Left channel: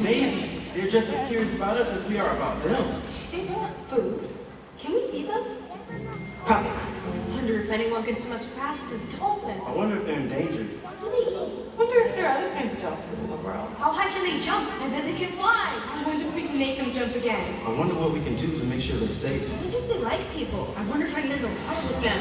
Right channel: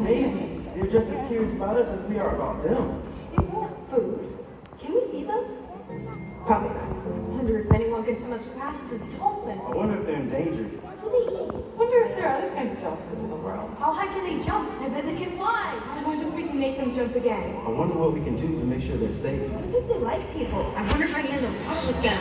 Maybe they're just as curious about us as we are about them. Did you say they want food? Can we feed them? Probably not. I wonder if anyone can swim as fast as a dolphin. I wonder if they're endangered. What do they eat? I wonder if there are other kinds of dolphins in the world. How high can they jump? I bet they can fly. I wonder if we can make them jump again. I wonder what we can do to make sure they're safe. I wonder if they like people. I wonder if I can learn to love with them.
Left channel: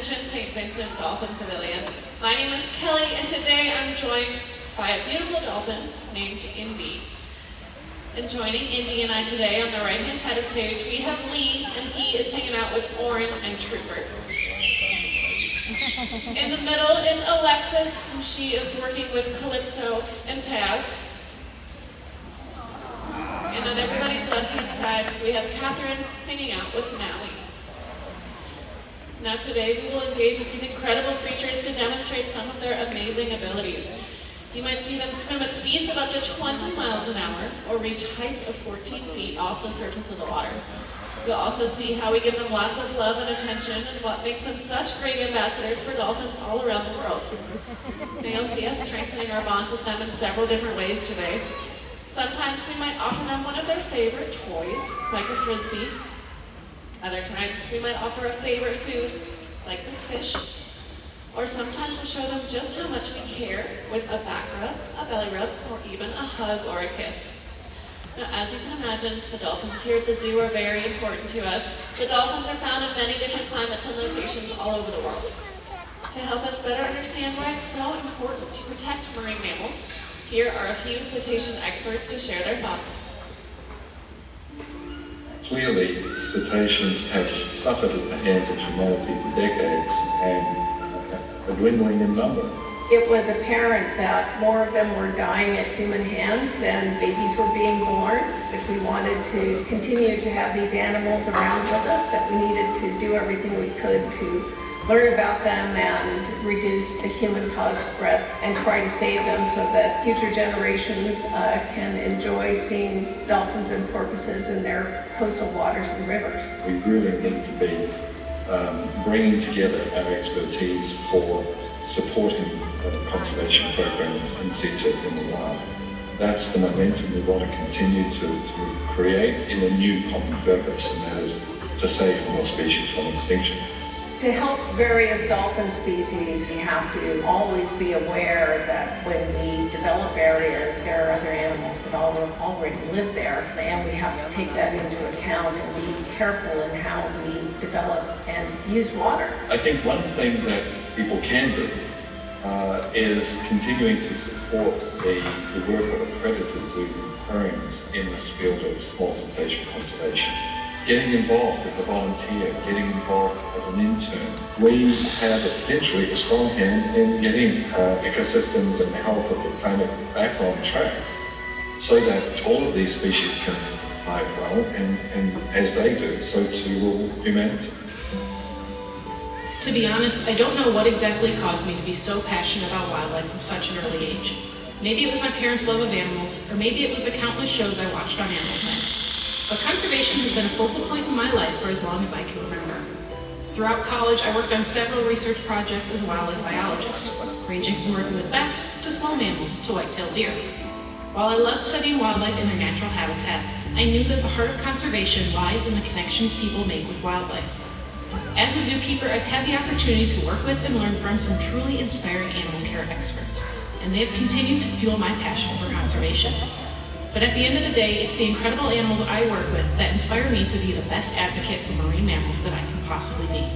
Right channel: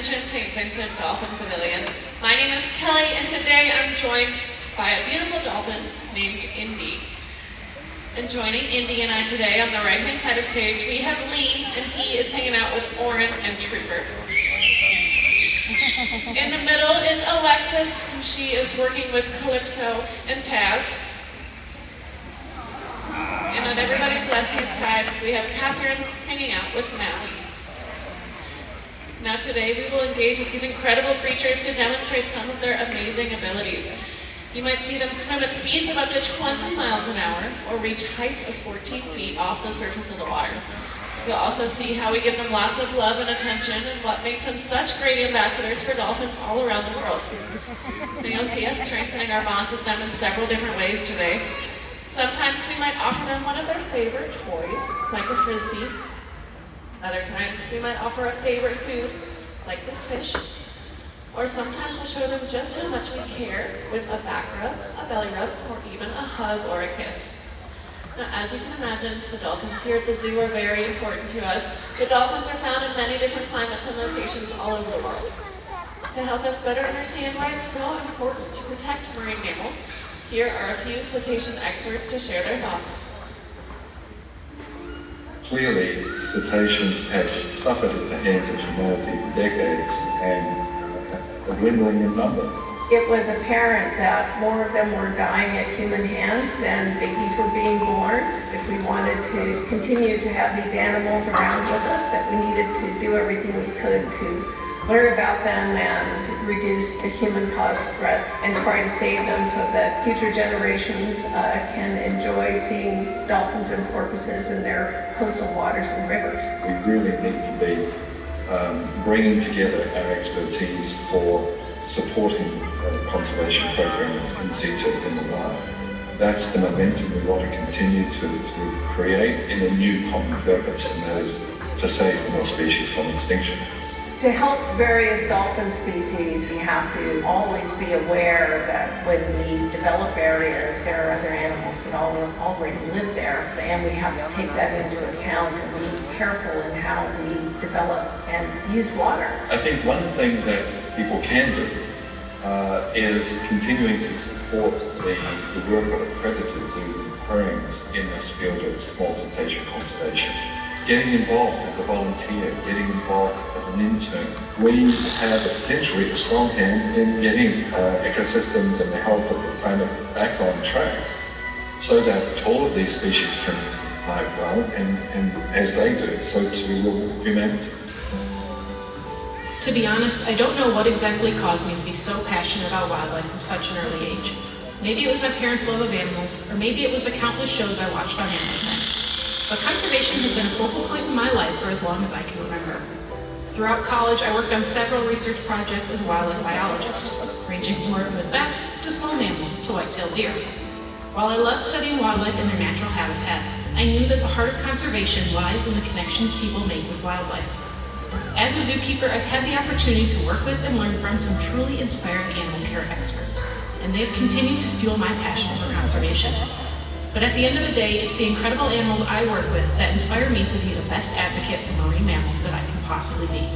Ascension St. Vincent Dolphin Pavilion. My name is Kelly, and today I'm joined by a beautiful dolphin named Indy. And joining Indy and I today on the right-hand side of stage, we have Lee, and he is hanging out with Oren and Trooper. In the middle is Alexis, and she is working with Calypso and Taz. And on everybody's left-hand side, we have Catherine hanging out with Maui. Now today, we will engage with these incredible creatures to demonstrate some of their amazing abilities. You might see them swim at speeds of up to 20 miles an hour, or reach heights of 14 feet off the surface of the water. You'll also see how we give them lots of love and attention, and what makes them such great ambassadors for dolphins all around the world. And you'll see us strengthening our bonds with them in several different ways today. Sometimes we might offer them one of their favorite toys, like a frisbee. Other times we might offer a favorite food, like this fish. Or sometimes we'll show them just how much we care with a back rub, a belly rub, or even a hug or a kiss. Now, as you can imagine, the dolphins here at the zoo are very important to us. The dolphins are found in many different climates and locations all over the world. To help us better understand why it's so important to protect marine mammals, here are a few cetacean experts to share their thoughts. Clearly, cetaceans have suffered at the hands of humanity for decades and are dwindling in number. It was apparent that more of them were dying at human hands than babies were being born. If we wanted to continue to have these animals around with us, that we needed to do everything we could to learn about them and reduce the human-caused threat and try to save them so that future generations can enjoy seeing dolphins and porpoises in their coastal waters and rivers. We really need to be bringing together our expertise for supporting conservation programs in situ in the wild. That's the momentum we want to continue to create in a new common purpose, and that is to save more species from extinction. To help various dolphin species, we have to always be aware that when we develop areas, there are other animals that already live there, and we have to take that into account and be careful in how we develop and use water. I think one thing that people can do is continuing to support the work of accredited zoos and aquariums in this field of small cetacean conservation. Getting involved as a volunteer, getting involved as an intern. We have potentially a strong hand in getting ecosystems and the health of the planet back on track so that all of these species can survive well, and as they do, so too will humanity. To be honest, I don't know what exactly caused me to be so passionate about wildlife from such an early age. Maybe it was my parents' love of animals, or maybe it was the countless shows I watched on Animal Planet. But conservation has been a focal point in my life for as long as I can remember. Throughout college, I worked on several research projects as a wildlife biologist, ranging from working with bats to small mammals to white-tailed deer. While I loved studying wildlife in their natural habitat, I knew that the heart of conservation lies in the connections people make with wildlife. As a zookeeper, I've had the opportunity to work with and learn from some truly inspiring animal care experts, and they have continued to fuel my passion for conservation. But at the end of the day, it's the incredible animals I work with that inspire me to be the best advocate for marine mammals that I can possibly be.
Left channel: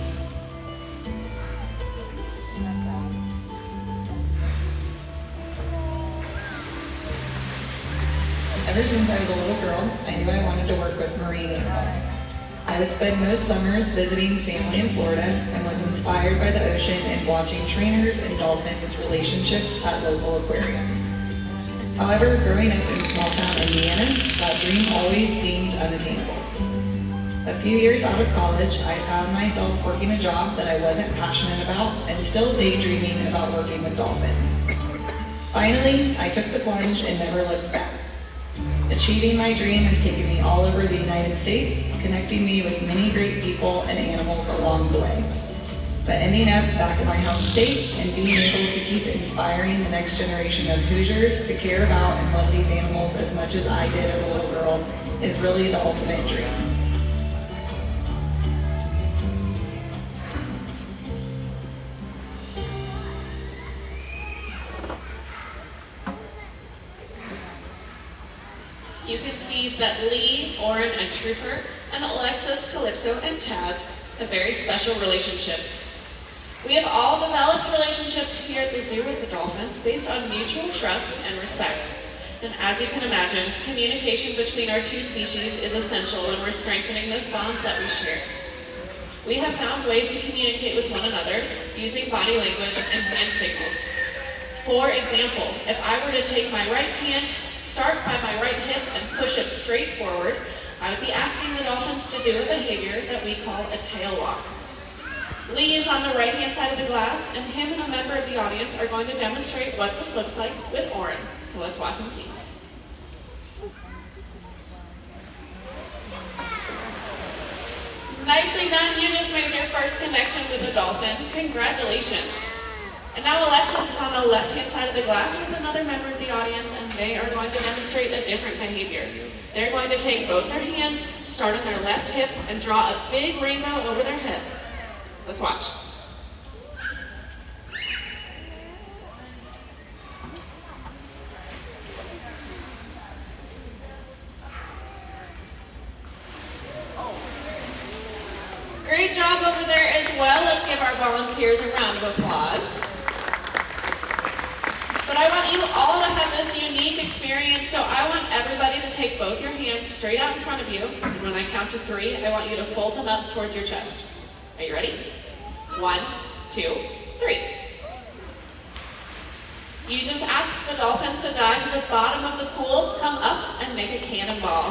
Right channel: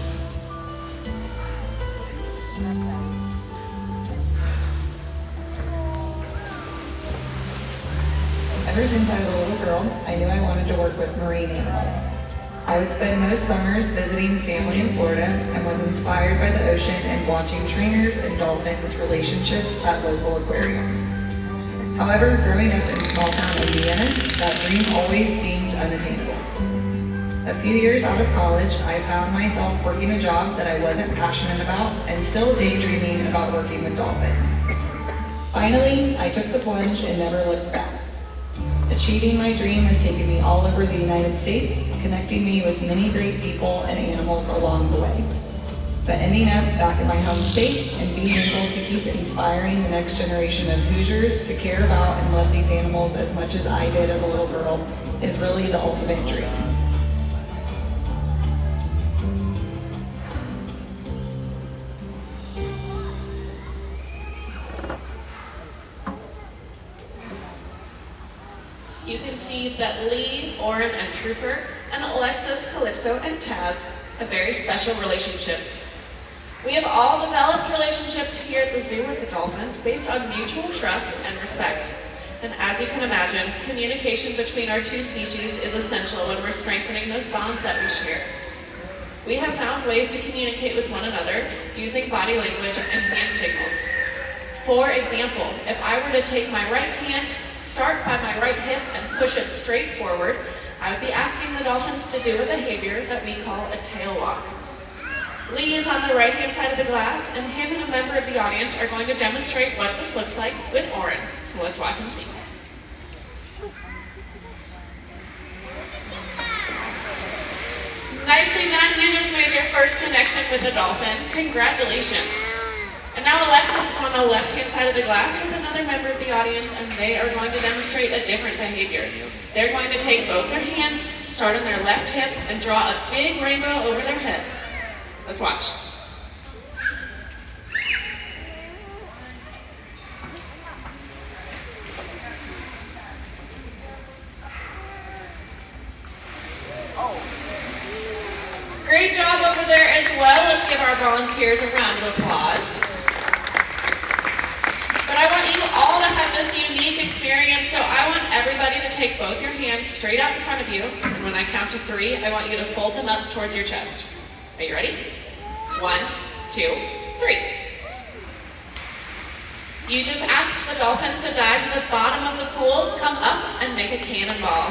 Ever since I was a little girl, I knew I wanted to work with marine animals. I would spend most summers visiting family in Florida and was inspired by the ocean and watching trainers and dolphins' relationships at local aquariums. However, growing up in small town Indiana, that dream always seemed unattainable. A few years out of college, I found myself working a job that I wasn't passionate about and still daydreaming about working with dolphins. Finally, I took the plunge and never looked back. Achieving my dream has taken me all over the United States, connecting me with many great people and animals along the way. But ending up back in my home state and being able to keep inspiring the next generation of Hoosiers to care about and love these animals as much as I did as a little girl is really the ultimate dream. You can see that Lee, Oren, and Trooper, and Alexis, Calypso, and Taz have very special relationships. We have all developed relationships here at the zoo with the dolphins based on mutual trust and respect. And as you can imagine, communication between our two species is essential when we're strengthening those bonds that we share. We have found ways to communicate with one another using body language and hand signals. For example, if I were to take my right hand, start by my right hip, and push it straight forward, I would be asking the dolphins to do a behavior that we call a tail walk. Lee is on the right-hand side of the glass, and him and a member of the audience are going to demonstrate what this looks like with Oren. So let's watch and see. Nicely done, you just made your first connection with the dolphin. Congratulations. And now Alexis is on the left-hand side of the glass with another member of the audience, and they are going to demonstrate a different behavior. They're going to take both their hands, start on their left hip, and draw a big rainbow over their head. Let's watch. Great job over there as well. Let's give our volunteers a round of applause. But I want you all to have this unique experience, so I want everybody to take both your hands straight out in front of you, and when I count to 3, I want you to fold them up towards your chest. Are you ready? 1, 2, 3. You just asked the dolphins to dive to the bottom of the pool, come up, and make a cannonball.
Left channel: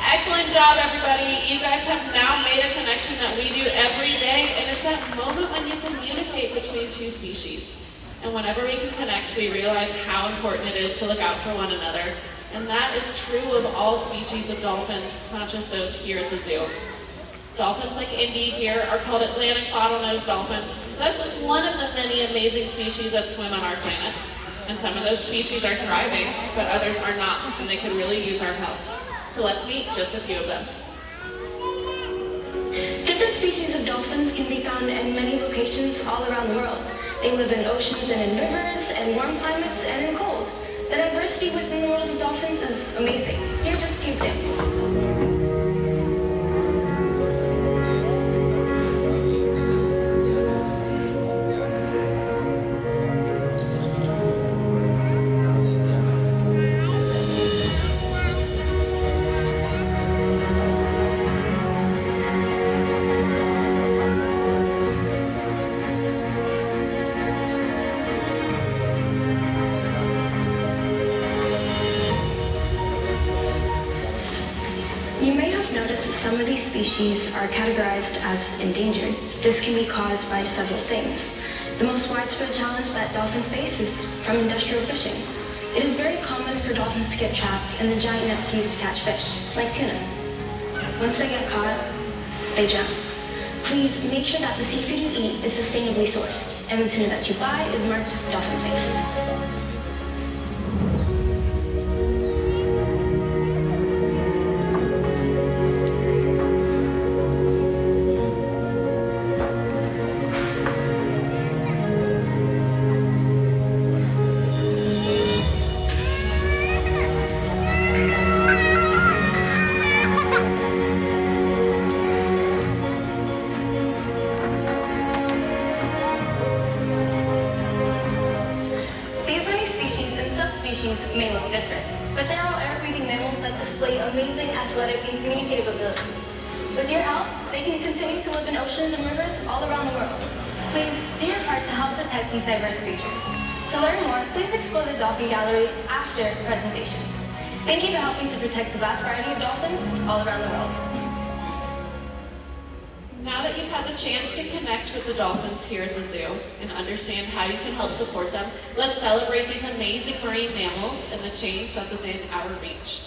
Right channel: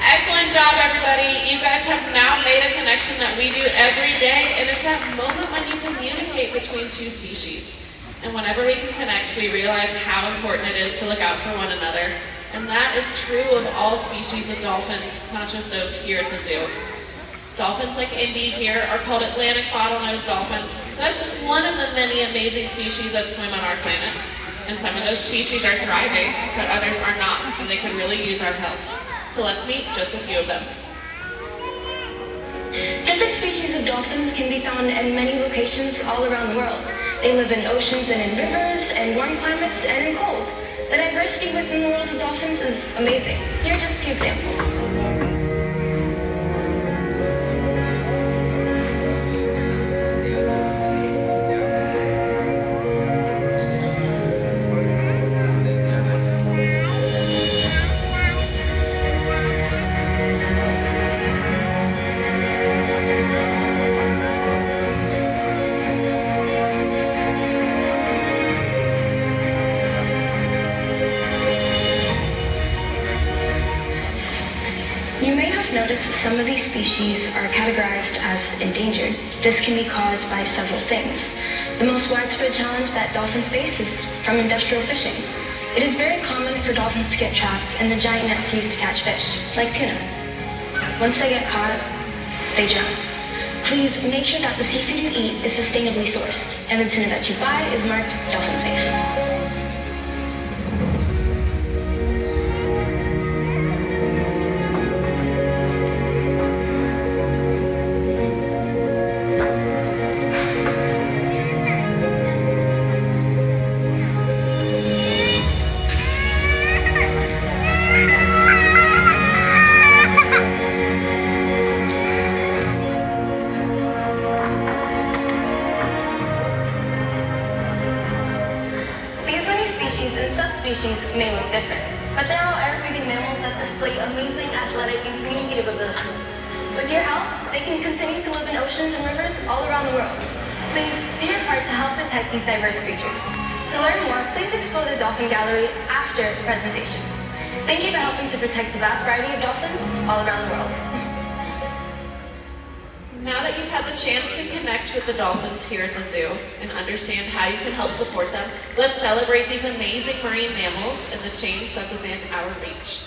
Excellent job, everybody. You guys have now made a connection that we do every day, and it's that moment when you communicate between two species. And whenever we can connect, we realize how important it is to look out for one another. And that is true of all species of dolphins, not just those here at the zoo. Dolphins like Indy here are called Atlantic bottlenose dolphins. That's just one of the many amazing species that swim on our planet. And some of those species are thriving, but others are not, and they could really use our help. So let's meet just a few of them. Different species of dolphins can be found in many locations all around the world. They live in oceans and in rivers, in warm climates and in cold. The diversity within the world of dolphins is amazing. Here are just a few examples. Some of these species are categorized as endangered. This can be caused by several things. The most widespread challenge that dolphins face is from industrial fishing. It is very common for dolphins to get trapped in the giant nets used to catch fish, like tuna. Once they get caught, they drown. Please make sure that the seafood you eat is sustainably sourced, and the tuna that you buy is marked dolphin safe. May look different, but they're all air-breathing mammals that display amazing athletic and communicative abilities. With your help, they can continue to live in oceans and rivers all around the world. Please do your part to help protect these diverse creatures. To learn more, please explore the Dolphin Gallery after the presentation. Thank you for helping to protect the vast variety of dolphins all around the world. Now that you've had the chance to connect with the dolphins here at the zoo and understand how you can help support them, let's celebrate these amazing marine mammals and the change that's within our reach.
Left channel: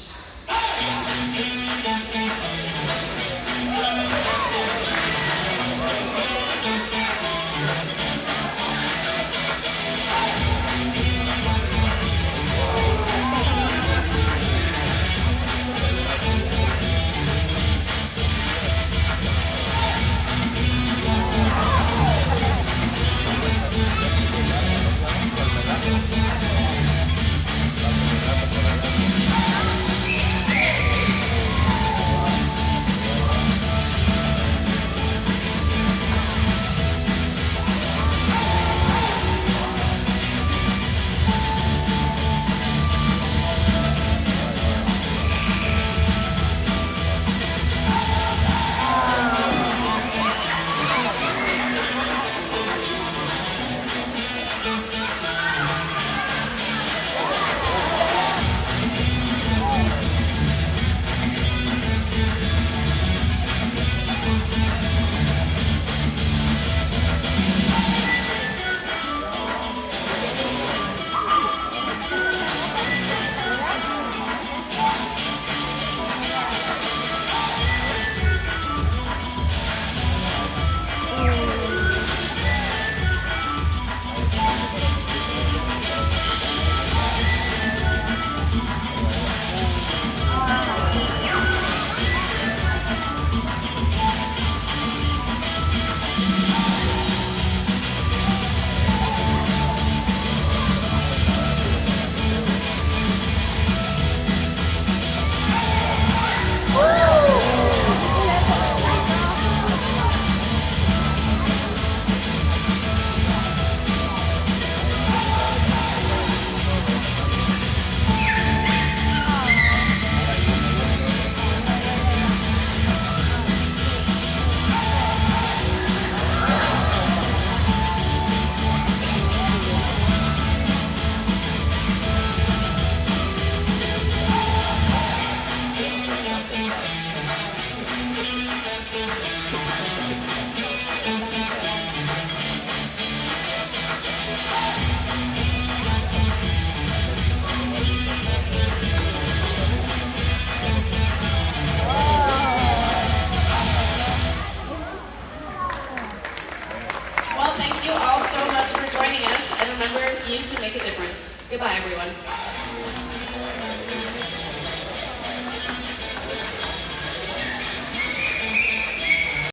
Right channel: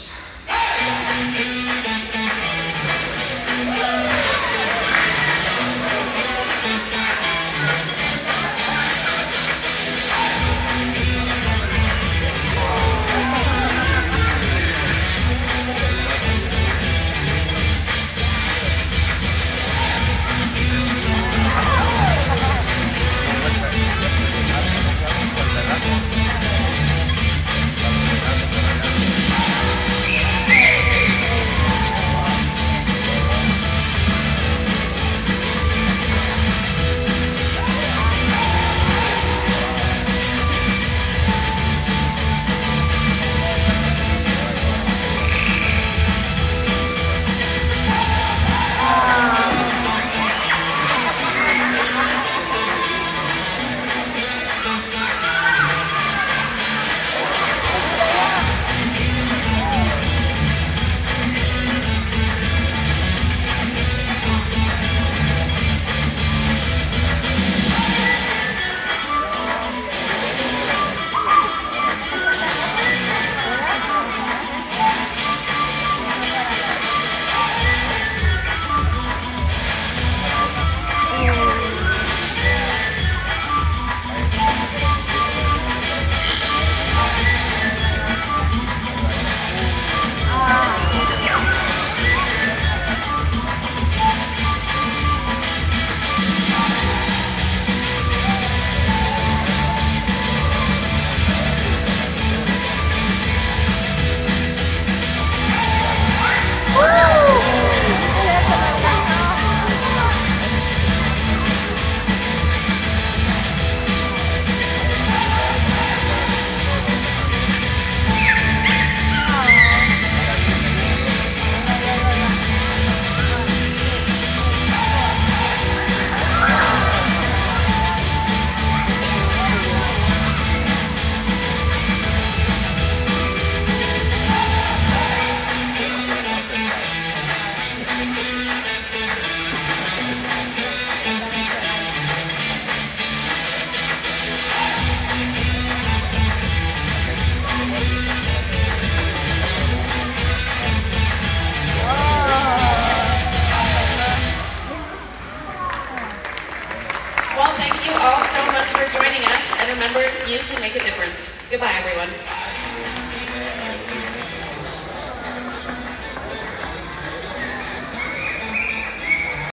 all so much for joining us, and remember, you can make a difference. Goodbye, everyone.